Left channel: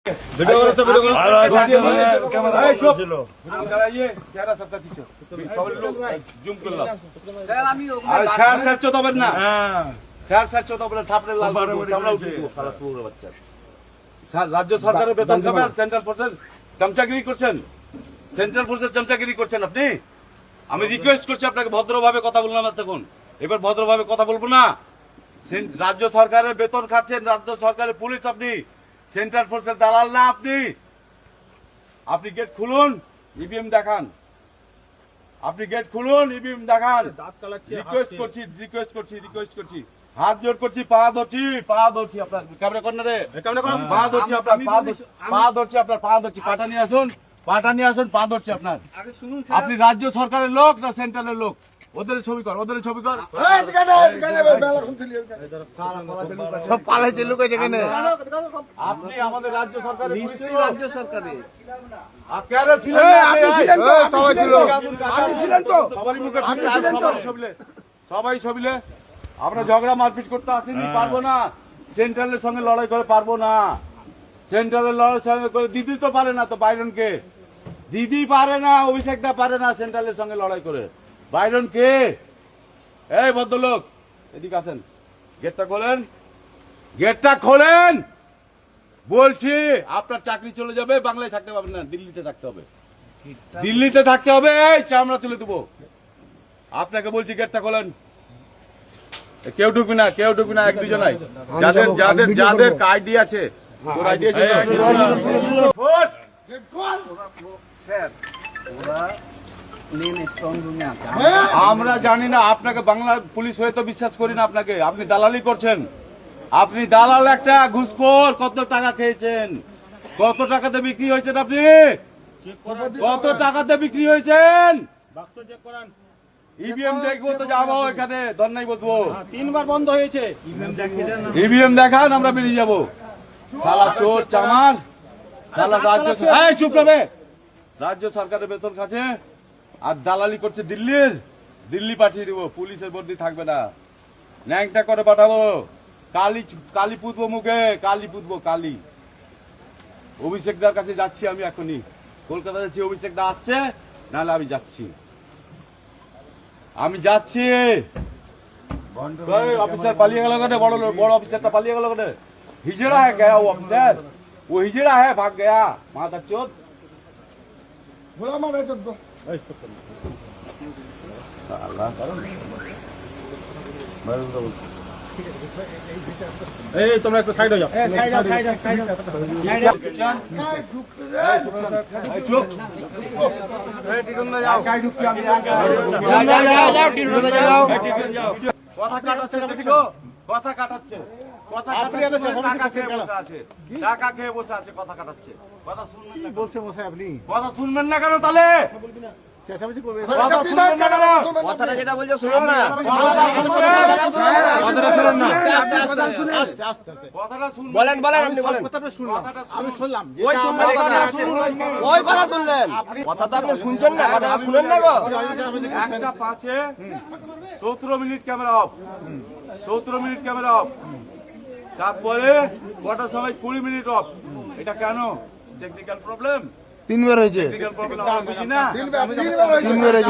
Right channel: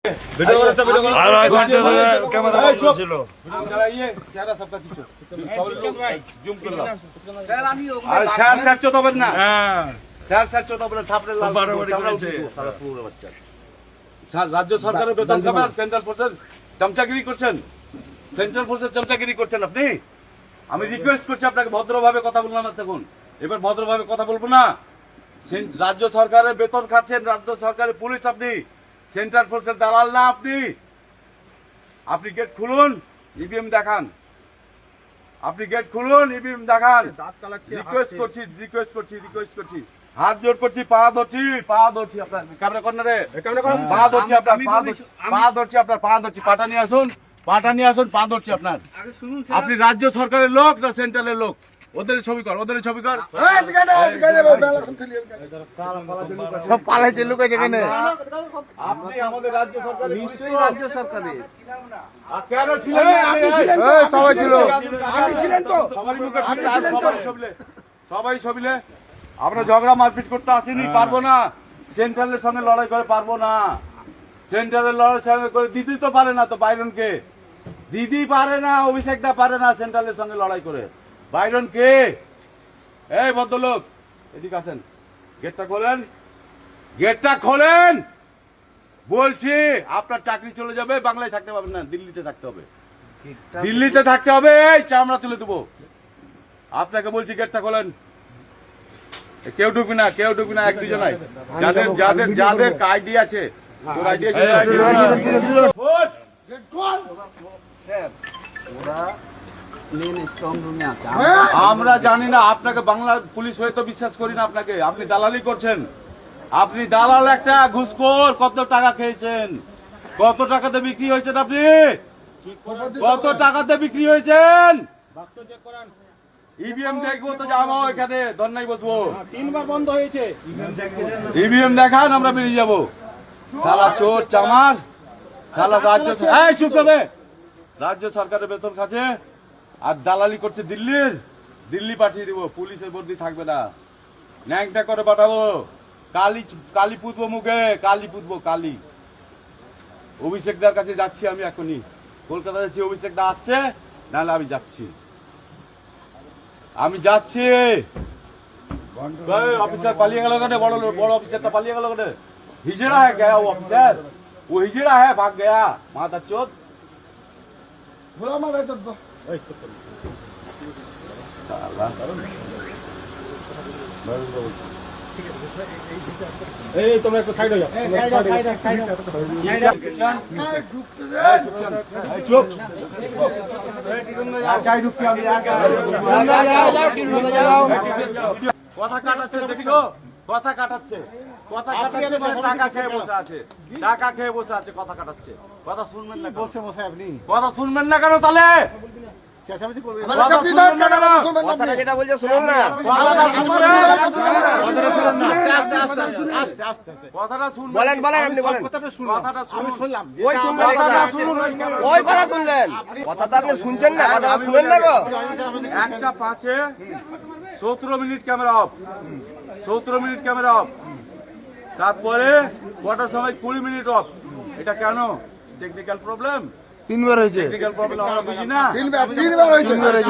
রাজ্য সরকারের বেতন খাবেন, সেন্ট্রাল ফোর্সের চামচাগিরি করছেন, সেন্ট্রাল ফোর্সের চামচাগিরি করছেন আপনি। আমি রিকোয়েস্ট করছি আপনাকে ভদ্রভাবে কথা বললাম, দেখুন এবার ভদ্রভাবে কথা বলবো না। রাজ্য সরকারের বেতন খাচ্ছেন, রাজ্য সরকারের পুলিশ আপনি, সেন্ট্রাল ফোর্সের দালাল না আপনি। আপনি গেট খুলুন, ইভিএম দেখান, আপনি গেট খুলুন, ইভিএম দেখান। রিকোয়েস্ট করছি, হাত জোর করছি, পা ধরছি আপনার ক্যামেরা কর্নারে, পা ধরছি আপনার, পা ধরছি, পাটা নিয়ে আসুন, পা ধরছি আপনার। আপনি রাজ্য সরকারের লোক না সেন্ট্রালের লোক? ওদের ছবি কর, সব পালাইছে লোক যেখানে। আপনি আমাদের রাজ্য সরকারের, নিশ্চয়ই রাজ্য সরকারের। কেন ছিলেন না? সবাই ছিল, আপনি ছিলেন তো, সবাই ছবিলে। আমরা ঝগড়া মারপিট করতে আসিনি, পারবো না। সেন্ট্রালের সঙ্গে লড়াই করে পারবো না, সেন্ট্রালের লড়াই করে দিদি তো পারে না, তো বাইরনকে দিদি পারে না, অভিষেকটা পারে না সেন্ট্রালের সঙ্গে লড়াই করে। বাইরন কে? এই ভদ্রলোক এদিকে আসেন, গেটটা খোলেন, বলছি। আপনার চাকরি চলে যাবে, বাংলায় থাকতে পারবেন না, দিল্লিতে থাকতে হবে, এই চামড়া তুলে দেবো। আপনাকে বলছি গেটটা খোলেন। কেউ ঢুকি না, এক দুজনাই, যাদের আইডি আছে, আমরা জানি না। আপনাকে বাংলা পুলিশ হয়ে তো বিশ্বাস করি না আপনাকে। আপনি দালালি করছেন, আপনি দালাল একটা ঘুষখোর। কত টাকা খেয়েছেন, কত টাকাতে বিক্রি হয়েছেন আপনি, কত টাকাতে বিক্রি হয়েছেন? ইভিএম দেখবো তো যাবো, এখানে ধর্নায় বসবো। 3 বার বন্ধ হয়েছে। ইভিএম দেখান, আমরা বেরিয়ে যাবো। শালা চোর চামার, শালা রাজ্য সরকারের বেতন খাচ্ছে আর দালালি করছে দিল্লি পাঠিয়ে দিব। পুলিশের বর্দি থাকবে না, ন্যাংটা করে পাঠাবো। কালি পুতবো মুখে, কালি। অভিষেকদার কাছে যাচ্ছি আমি এখনই, কলকাতা যাচ্ছি। অভিষেকদা আসছে, নাহলে আমি যাচ্ছি। অফিসার পালিয়ে গেল কেন? বড় অফিসারটা পালিয়ে গেল কেন? हिजड़ा है गया वो अफसर, वो हिजड़ा है, भाग गया। माता चोद साला। তোমরা একটু সাইড হয়ে যাও। কথা কাটাচ্ছে, দেখছো? কথা কাটাচ্ছে, টাকা খেয়ে বসে আছে, কথা কাটাচ্ছে। কথা শুনবেন না, বলছে মশাই আপনি কথা শুনবেন না কেন? তাহলে চেঁচামেচি করবেন, কথা শুনবেন না কেন? কথাটা যেটা বলছে শুনুন না, কথাটা শুনবেন, কথাটা শুনুন। বলেন আপনি বলেন। কথাটা শুনলাম, আমি শুনলাম। ওই শুনলেন, ওই কথা শুনলেন, কথাটা আপনি শুনছেন না, কথাটা শুনেন না গো। 1:05 17 minute camera off, 17 minute camera off. তারপরে কটার সময় 20 মিনিট অফ। এটা কেন? Technical problem. 3 বার হয়েছে, টেকনিক্যাল প্রবলেম আমরা বুঝি না। 3 বার হয়েছে।